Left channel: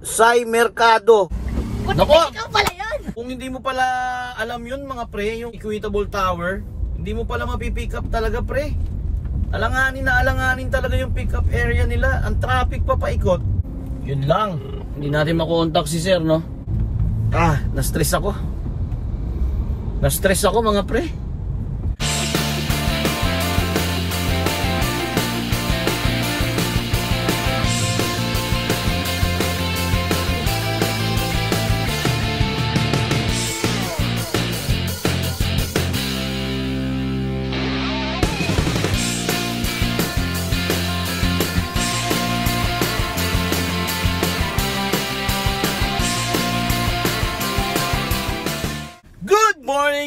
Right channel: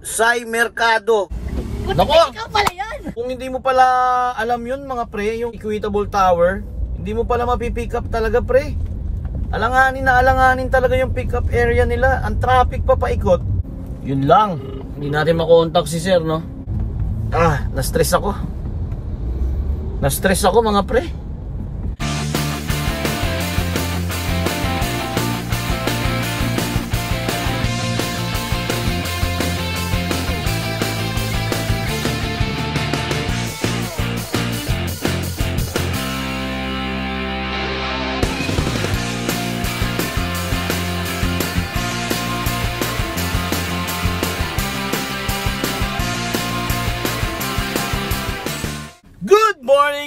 Sai Mercado. Nako! Ikaw pala yan! Kung hindi mo pala alam yun mga pre, yung Equitable Tower, hindi mo pala mapipick up talaga pre. Alanganin na alanganin talaga yung pick up area nila. Ang traffic pa paikot. Yun lang. Hindi natin makontak si sir, no? Na-stress ako. Na-stress ako mga pre.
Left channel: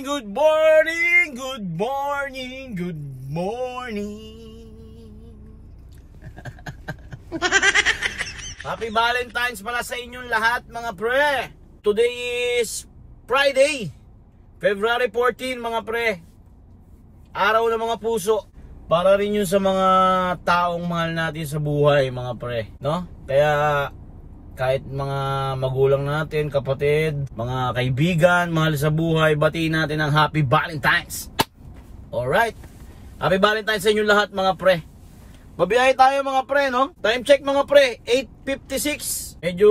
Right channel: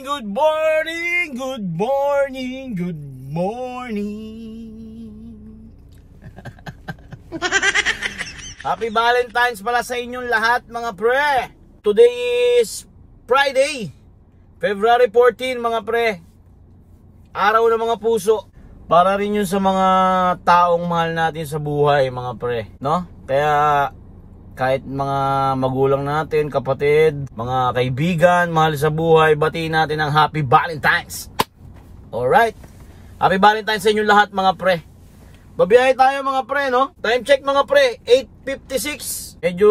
Good morning, good morning, good morning. Happy Valentine's pala sa inyong lahat mga pre. Today is Friday, February 14 mga pre. Araw ng mga puso. Para rin yun sa mga taong mahal natin sa buhay mga pre, no? Kaya kahit mga magulang natin, kapatid, mga kaibigan, mahal sa buhay, batiin natin ang Happy Valentine's. Alright. Happy Valentine's sa inyo lahat mga pre. Babiyahe tayo mga pre, no? Time check mga pre, 8:56. Medyo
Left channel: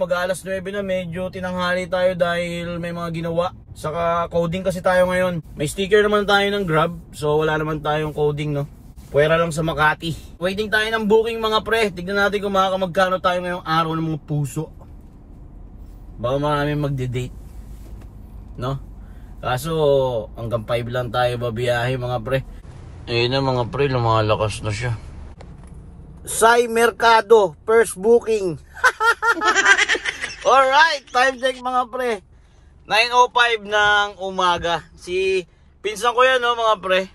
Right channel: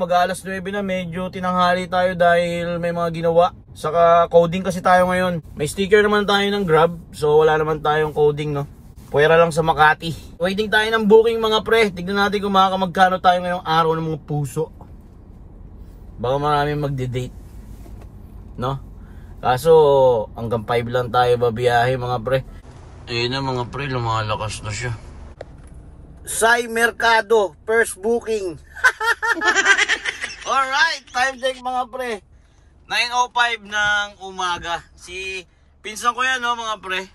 mag-aalas 9 na, medyo tinanghali tayo dahil may mga ginawa. Saka coding kasi tayo ngayon. May sticker naman tayo ng Grab, so wala naman tayong coding, no? Puwera lang sa Makati. Waiting tayo ng booking mga pre. Tignan natin kung magkano tayo ngayong araw ng mga puso. Baka maraming magde-date, no? Kaso hanggang 5 lang tayo babiyahe mga pre. Ayun na mga pre, lumalakas na siya. Sai Mercado, first booking. Alright, time check mga pre, 9:05 ng umaga. Si pinsan ko yan, no mga pre.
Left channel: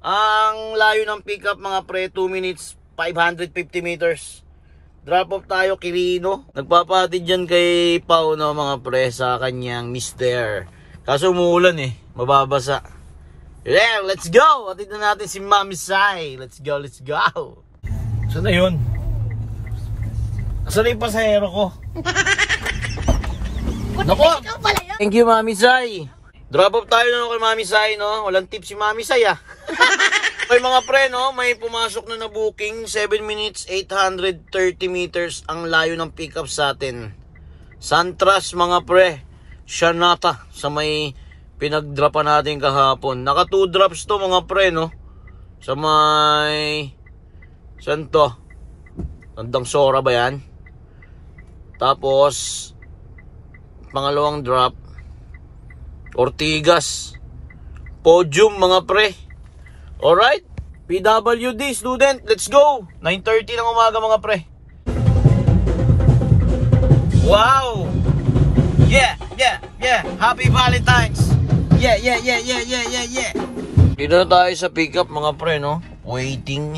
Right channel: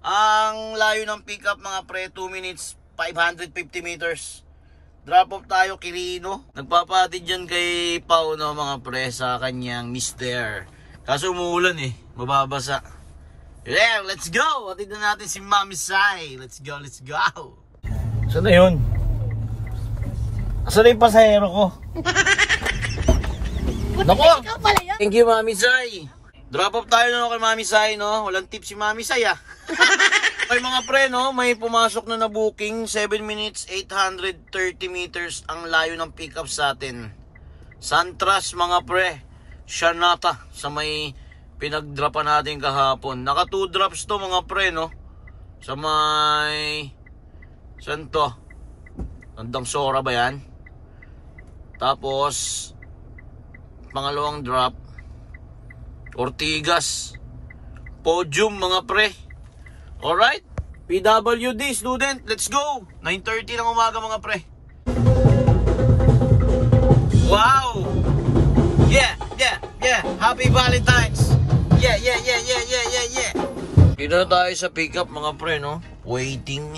Ang layo ng pickup mga pre, 2 minutes 550 meters. Drop off tayo Quirino. Nagpapahatid dyan kay Pao, no mga pre, sa kanyang mister. Kaso umuulan eh, mababasa. Yeah, let's go! Hatid na natin si Mami Sai. Let's go, let's go. Saan na yun? Saan na yung pasahero ko? Nako! Ikaw pala yan! Thank you Mami Sai. Drop off tayo no kay Mami Sai, no? Walang tip si Mami Sai Okay mga pre, no? May pumasok na booking. 7 minutes 830 meters ang layo ng pickup sa atin. Santras mga pre, Shanata, sa may pinagdrapan natin kahapon. Naka 2 drops to mga pre, no? Sa may saan to? Tandang Sora ba yan? Tapos pangalawang drop Ortigas, Podium mga pre. Alright, PWD student, let's go. 9:30 ng umaga mga pre. Wow. Yeah. Happy Valentine's. Yeah. Dito na tayo sa pickup mga pre, no? Waiting.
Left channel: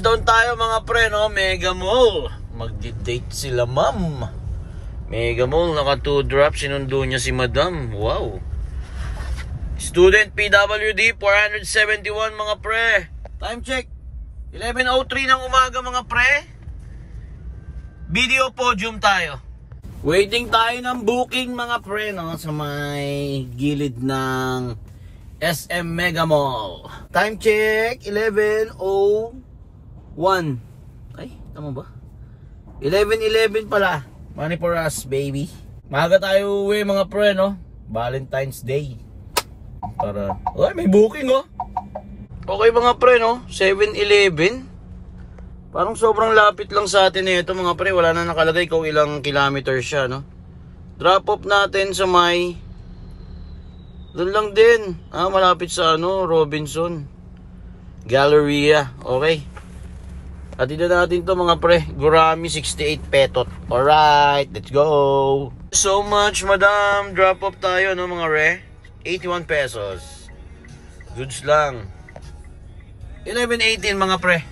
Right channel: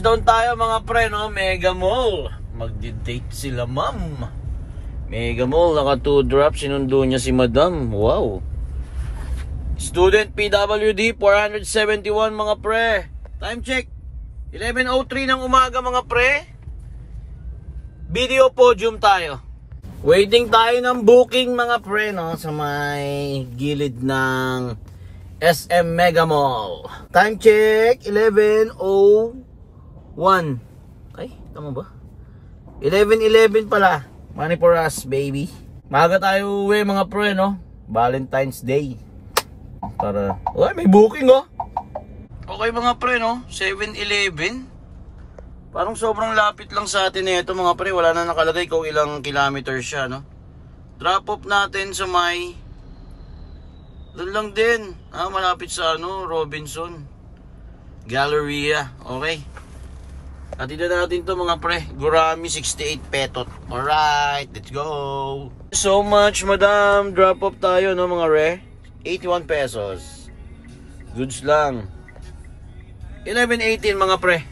Doon tayo mga pre, no? Mega Mall. Magdi-date sila ma'am. Mega Mall, naka 2 drops, sinundo niya si Madam. Wow. Student PWD 471 mga pre. Time check 11:03 ng umaga mga pre. Video Podium tayo. Waiting tayo ng booking mga pre, no? Sa may gilid ng SM Mega Mall. Time check 11:01. Ay, tama ba? 11:11 pala. Money for us, baby. Maaga tayo uwi mga pre, no? Valentine's Day. Para, may booking, oh. Okay mga pre, no? 7-Eleven. Parang sobrang lapit lang sa atin ito mga pre. Wala na nakalagay kung ilang kilometer siya, no? Drop off natin sa may doon lang din. Malapit sa Robinson Galleria. Okay. At dito natin to mga pre, Gurami 68 Petot. Alright, let's go. So much madam. Drop off tayo no mga re, 81 pesos. Goods lang. 11:18 mga pre.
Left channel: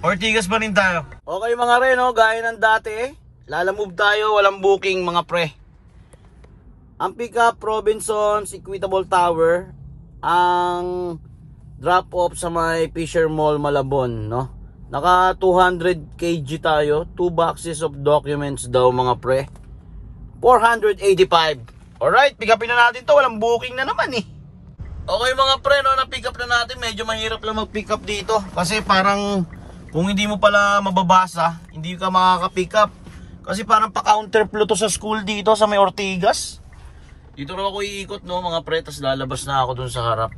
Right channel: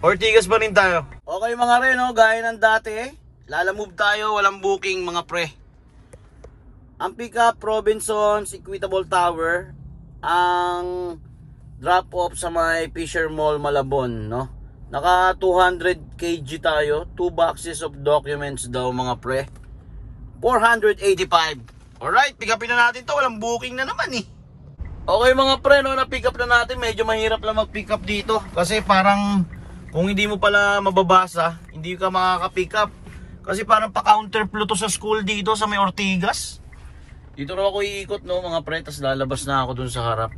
Ortigas pa rin tayo. Okay mga re, no, gaya ng dati Lalamove tayo, walang booking mga pre. Ang pickup Robinson's Equitable Tower. Ang drop off sa may Fisher Mall Malabon, no? Naka 200 kg tayo. 2 boxes of documents daw mga pre. 485. Alright, pick upin na natin to. Walang booking na naman eh. Okay mga pre, no, na-pick up na natin. Medyo mahirap lang mag-pick up dito. Kasi parang kung hindi mo pala mababasa, hindi ka makaka-pick up. Kasi parang pa-counterflow to sa school dito sa may Ortigas. Dito na ako iikot, no mga pre. Tapos lalabas na ako dun sa harap.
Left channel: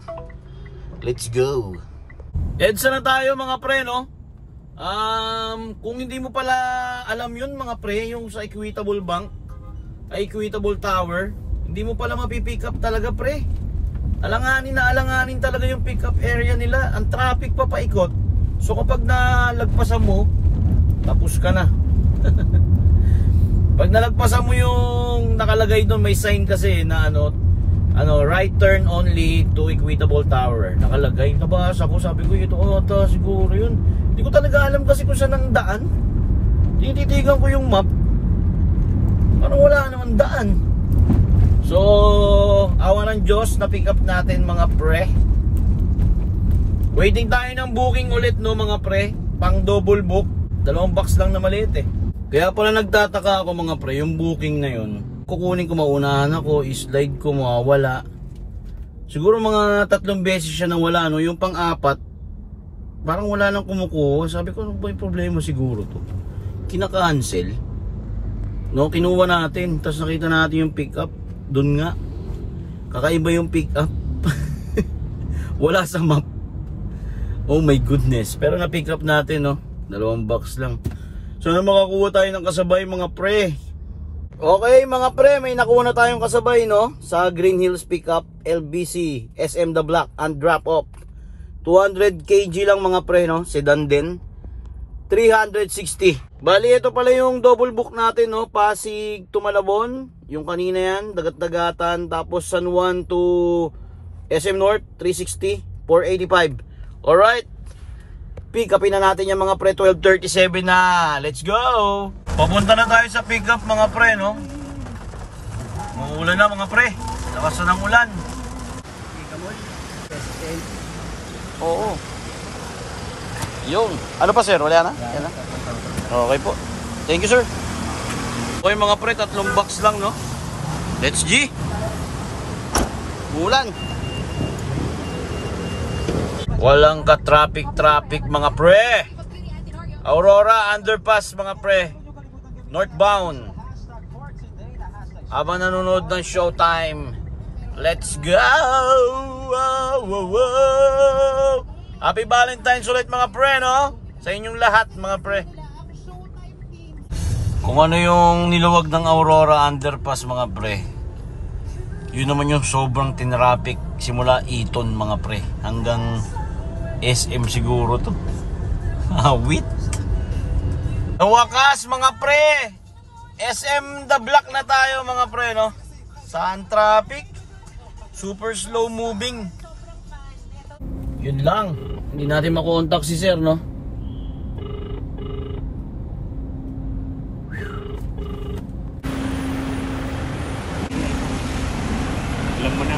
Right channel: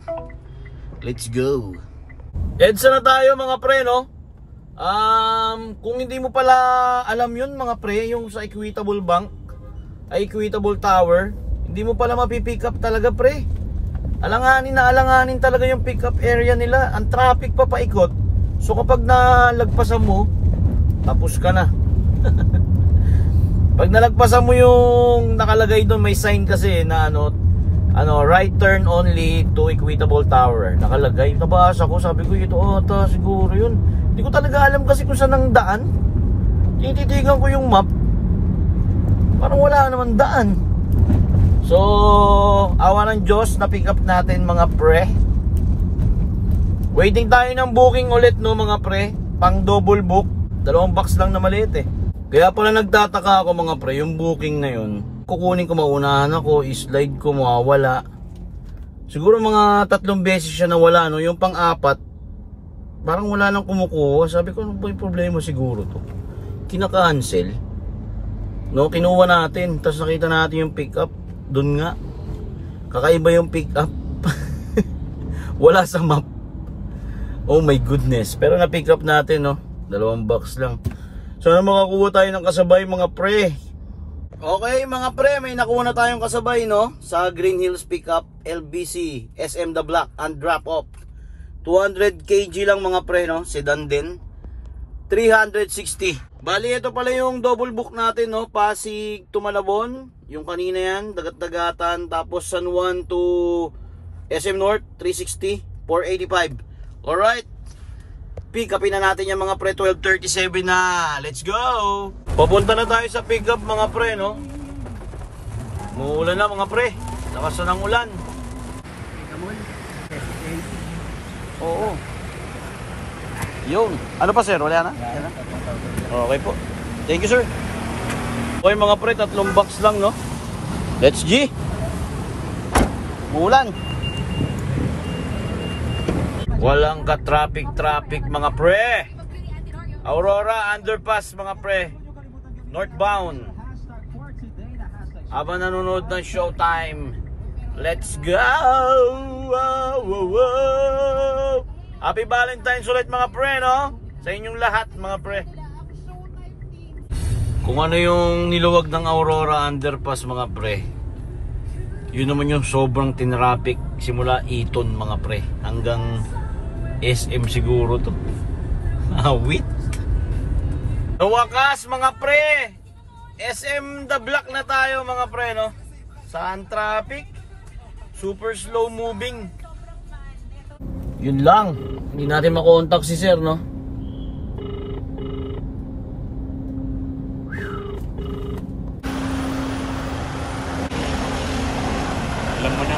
Let's go. EDSA na tayo mga pre, no. Kung hindi mo pala alam yun mga pre, yung sa Equitable Bank, Equitable Tower, hindi mo pala mapipick up talaga pre. Alanganin talaga yung pick up area nila. Ang traffic pa paikot. So kapag nalagpasan mo, tapos ka na. Pag nalagpasan mo yung nakalagay doon, may sign kasi na right turn only to Equitable Tower. Nakalagay, nabasa ko, sabi ko ito ata siguro yun. Hindi ko talaga alam kasi kung saan ang daan. Tinititigan ko yung map, parang wala naman daan. So awa ng Diyos, na pick up natin mga pre. Waiting tayo ng booking ulit, no mga pre. Pang double book. 2 box lang na maliit eh. Kaya pala nagtataka ako mga pre, yung booking na yun, kukunin ko, maunahan ako, i-slide ko, mawawala. Siguro mga 3 beses siya nawala, no. Yung pang-4, parang wala nang kumukuha. Sabi ko, ano ba yung problema siguro to? Kinaka-cancel, no, kinuha natin. Tapos nakita natin yung pick up. Doon nga, kakaiba yung pick up. Wala sa map. Oh my goodness. Pero na-pick up natin, no. 2 box lang. Sana makakuha tayo ng kasabay mga pre. Okay mga pre, may nakuha na tayong kasabay, no, sa Green Hills Pickup LBC SM The Block and drop off. 200 kg lang mga pre, no, sedan din. 360. Bali ito pala yung double book natin, no, Pasig to Malabon. Yung kanina yan, Dagat-Dagatan, tapos San Juan to SM North, 360, 485. Alright, pick upin na natin yung mga pre. 12:37 na. Let's go. Papunta na tayo sa pick up mga pre, no. Uulan na mga pre. Lakas na ng ulan. Oo. Yun. Ano pa sir? Wala na? Yan na? Okay po. Thank you sir. Okay mga pre, 3 box lang, no. Let's G. Umulan. Walang ka-traffic mga pre. Aurora Underpass mga pre, northbound. Habang nanonood ng Showtime. Let's go. Wow, wow, wow. Happy Valentine's ulit mga pre, no, sa inyong lahat mga pre. Kung ano yung niluwag ng Aurora Underpass mga pre, yun naman yung sobrang tinraffic simula Eton mga pre hanggang SM siguro to. Awit. Wakas mga pre, SM The Block na tayo mga pre, no. Saan traffic? Super slow moving. Yun lang, hindi natin makontak si sir, no. Alam mo na,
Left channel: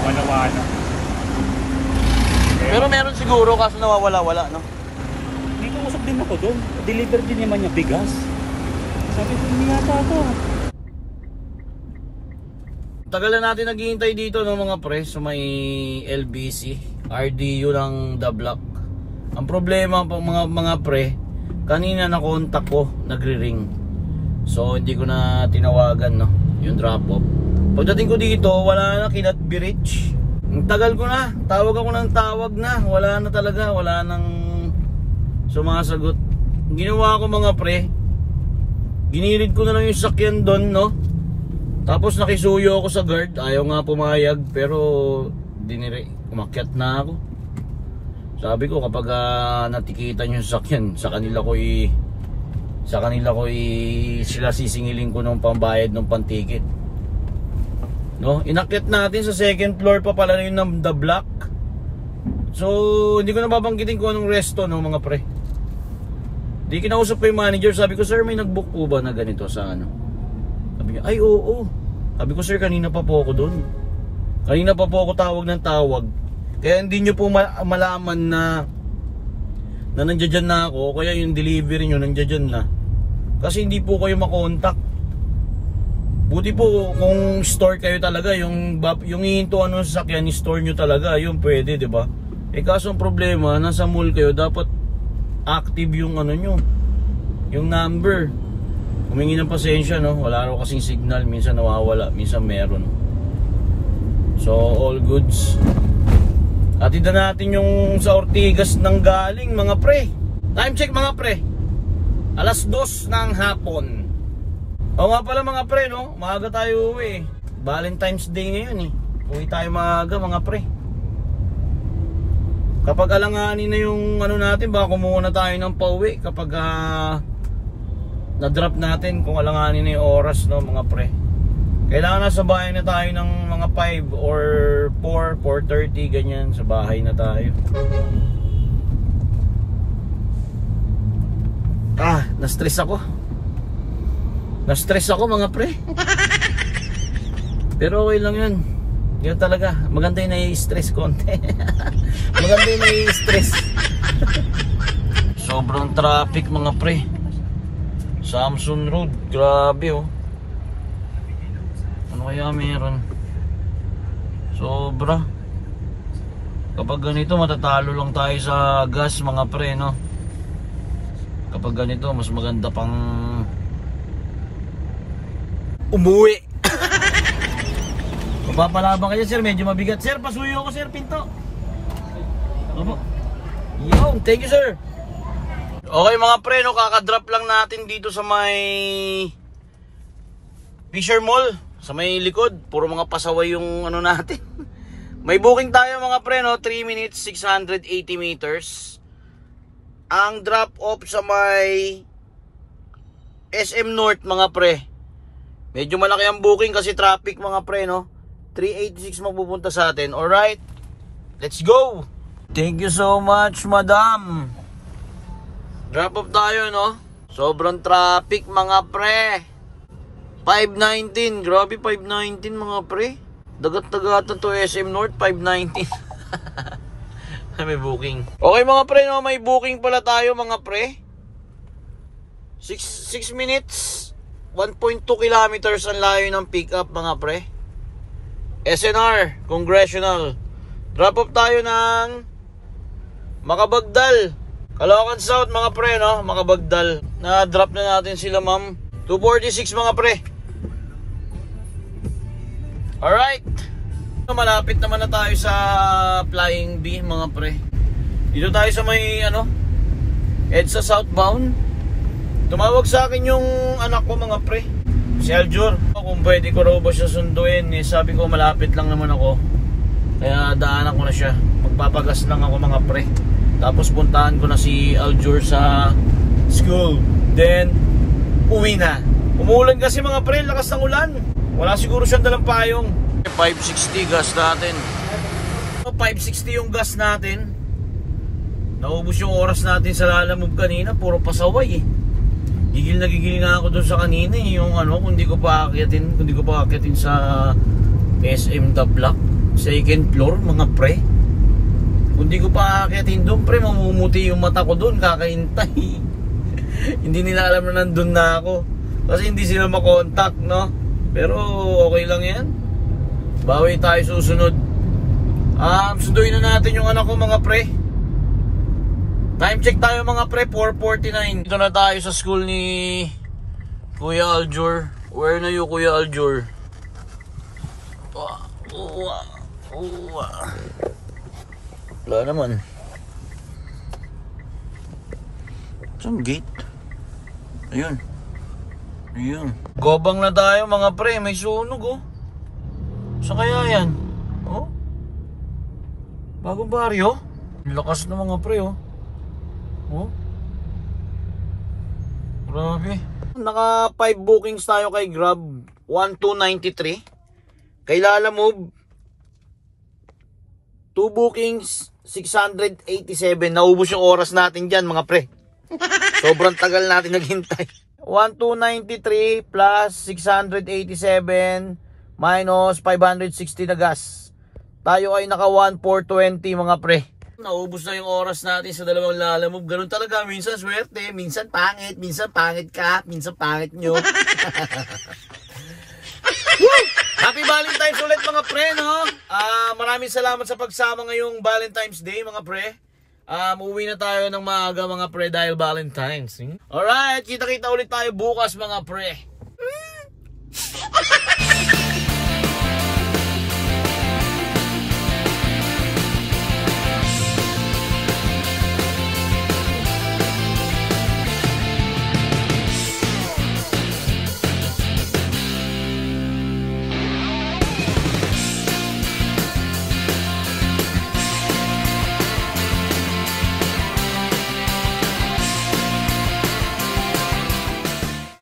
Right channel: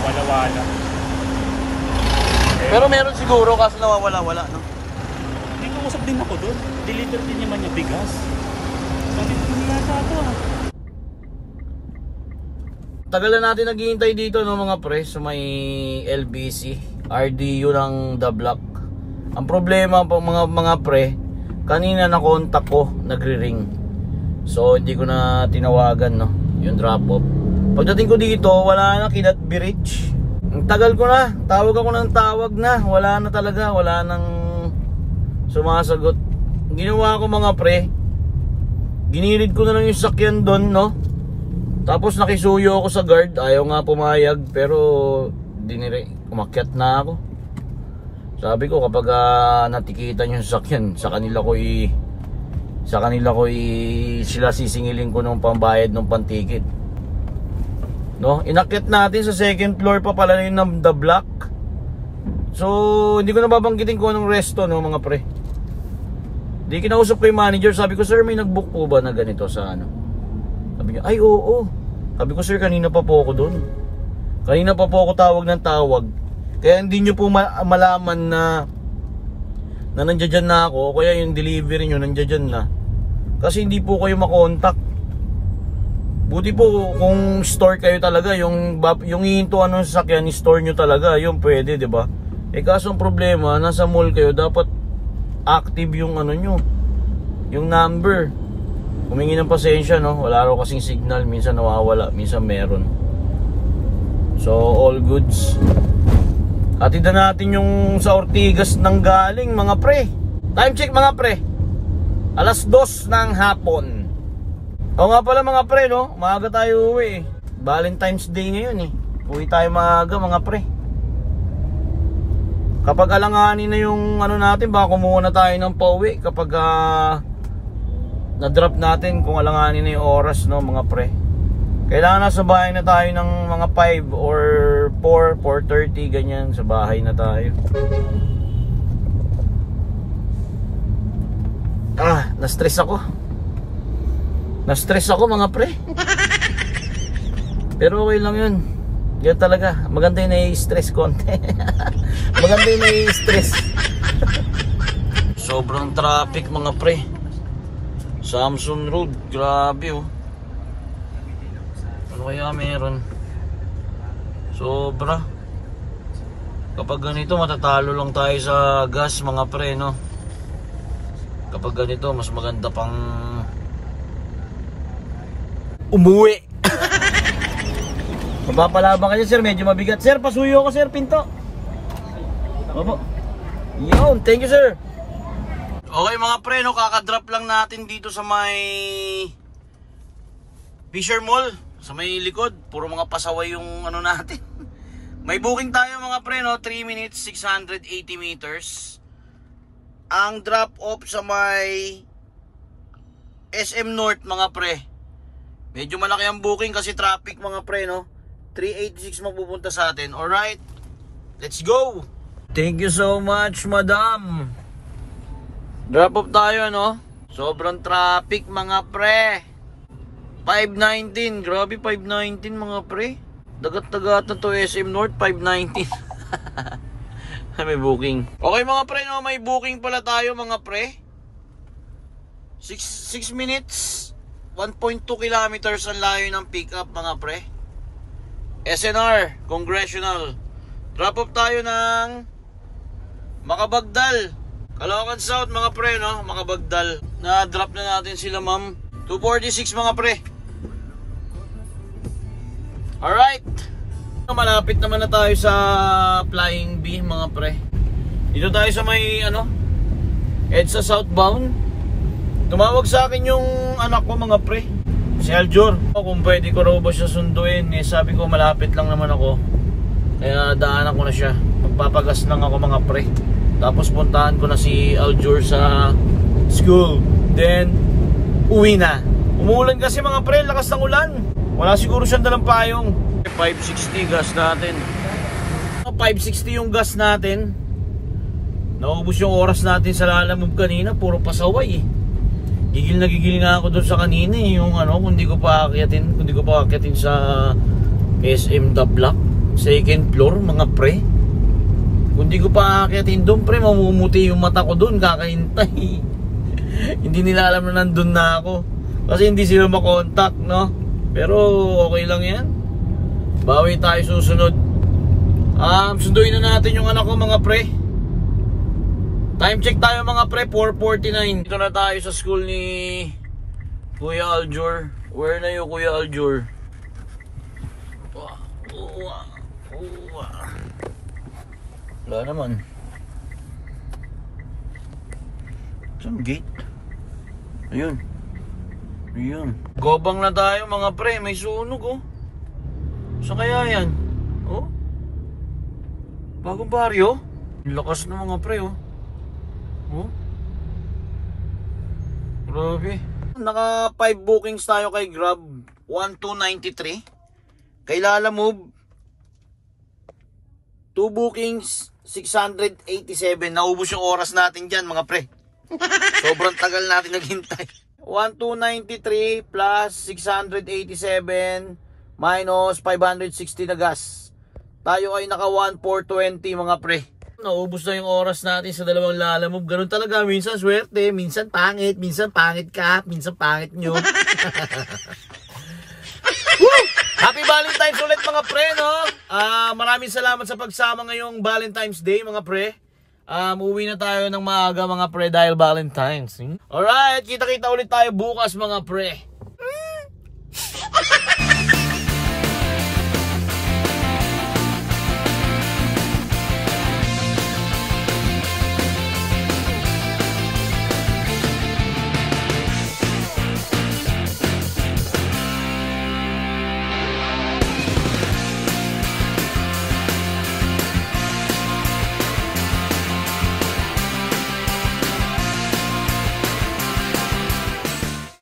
wala-wala. Pero meron siguro kaso nawawala-wala, no? May kausap din ako doon. Deliver din naman niya bigas. Sabi ko, hindi yata ito ha. Tagal na natin naghihintay dito, no mga pre, sa may LBC RDU ng The Block. Ang problema po mga pre, kanina na contact ko, nagre-ring. So hindi ko na tinawagan, no, yung drop off. Pagdating ko dito, wala na, Kinat Bridge. Ang tagal ko na, tawag ako ng tawag na, wala na talaga, wala nang sumasagot. Ginawa ko mga pre, ginilid ko na lang yung sakyan doon, no. Tapos nakisuyo ako sa guard, ayaw nga pumayag, pero umakyat na ako. Sabi ko kapag natikitan yung sakyan, sa kanila ko sila sisingilin ko ng pambayad ng pantikit. No, inakyat natin sa second floor pa pala yun ng The Block. So hindi ko na babanggitin kung anong resto, no mga pre. Di kinausap ko yung manager, sabi ko sir, may nagbook po ba na ganito sa ano? Sabi niya, ay oo. Sabi ko sir, kanina pa po ako doon. Kanina pa po ako tawag ng tawag. Kaya hindi nyo po malaman na na nandiyan na ako, kaya yung delivery nyo nandiyan na. Kasi hindi po kayo makontak. Buti po kung store kayo talaga, yung hihintuan ng sasakyan, store nyo talaga, yung pwede, di ba? Kaso ang problema, nasa mall kayo, dapat active yung ano nyo, yung number. Humingi ng pasensya, no? Wala raw kasing signal, minsan nawawala, minsan meron. So all goods. Atid na natin yung sa Ortigas nang galing, mga pre. Time check, mga pre, 2:00 ng hapon. O nga pala, mga pre, no? Maaga tayo uwi eh. Valentine's Day ngayon eh. Uwi tayo maaga, mga pre. Kapag alanganin na yung ano natin, baka kumuha na tayo ng pauwi. Kapag na-drop natin, kung alanganin na yung oras, no, mga pre. Kailangan na sa bahay na tayo ng mga 5 or 4, 4:30, ganyan. Sa bahay na tayo. Na-stress ako. Na-stress ako, mga pre. Pero okay lang yun. Yun talaga. Maganda yung nai-stress konti. Maganda yung nai-stress. Sobrang traffic, mga pre. Samson Road. Grabe, oh. Ano kaya meron? Sobra. Kapag ganito, matatalo lang tayo sa gas, mga pre, no? Kapag ganito, mas maganda pang umuwi. Mapapalaban ka dyan, sir. Medyo mabigat. Sir, pasuyo ko, sir. Pinto. Opo. Yun. Thank you, sir. Okay, mga pre, no? Kakadrop lang natin dito sa may Fisher Mall. Sa may likod. Puro mga pasaway yung ano natin. May booking tayo, mga pre, no? 3 minutes, 680 meters. Ang drop off sa may SM North, mga pre. Medyo malaki ang booking kasi traffic, mga pre, no? 386 magpupunta sa atin. Alright, let's go. Thank you so much, madam. Drop off tayo, no? Sobrang traffic, mga pre. 519, grabe 519, mga pre. Dagat-dagatan to SM North, 519. May booking. Okay, mga pre, no? May booking pala tayo, mga pre. 6 minutes 1.2 kilometers ang layo ng pick up, mga pre. SNR Congressional. Drop off tayo ng Makabagdal, Caloocan South, mga pre, no? Makabagdal. Na-drop na natin sila, ma'am. 246, mga pre. Alright. Malapit naman na tayo sa Flying B, mga pre. Dito tayo sa may EDSA southbound. Tumawag sa akin yung anak ko, mga pre, si Aljur, kung pwede ko raw ba siya sunduin. Sabi ko malapit lang naman ako, kaya daanan ko na siya. Magpapagas lang ako, mga pre. Tapos puntahan ko na si Aljur sa school. Then uwi na. Umuulan kasi, mga pre, lakas ng ulan. Wala siguro siyang dalang payong. 560 gas natin. 560 yung gas natin. Naubos yung oras natin sa Lalamove kanina. Puro pasaway eh. Gigil na gigil nga ako doon sa kanina eh. Yung kung di ko pa akyatin sa SM The Block, second floor, mga pre. Kung di ko pa akyatin doon, pre, mamumuti yung mata ko doon, kakahintay. Hindi nila alam na nandun na ako. Kasi hindi sila makontak, no? Pero okay lang yan. Bawi tayo susunod. Sunduin na natin yung anak ko, mga pre. Time check tayo, mga pre, 4:49. Dito na tayo sa school ni Kuya Aljur. Where na yung Kuya Aljur? Wala naman. Saan gate? Ayun. Ayun. Gobang na tayo, mga pre. May sunog, oh. Saan kaya yan? Oh? Bagong baryo? Lakas na, mga pre, oh. Oh? Grabe. Naka 5 bookings tayo kay Grab. 1293. Kay Lalamove, 2 bookings, 687. Naubos yung oras natin dyan, mga pre. Sobrang tagal natin naghintay. 1293 plus 687 minus 560 na gas. Tayo ay naka 1420, mga pre. Naubos na yung oras natin sa dalawang lalamove. Ganun talaga, minsan swerte, minsan pangit ka, minsan pangit nyo. Happy Valentine's ulit mga pre, no? Maraming salamat sa pagsama ngayong Valentine's Day mga pre. Uuwi na tayo ng maaga mga pre dahil Valentine's. Alright, kita-kita ulit tayo bukas mga pre.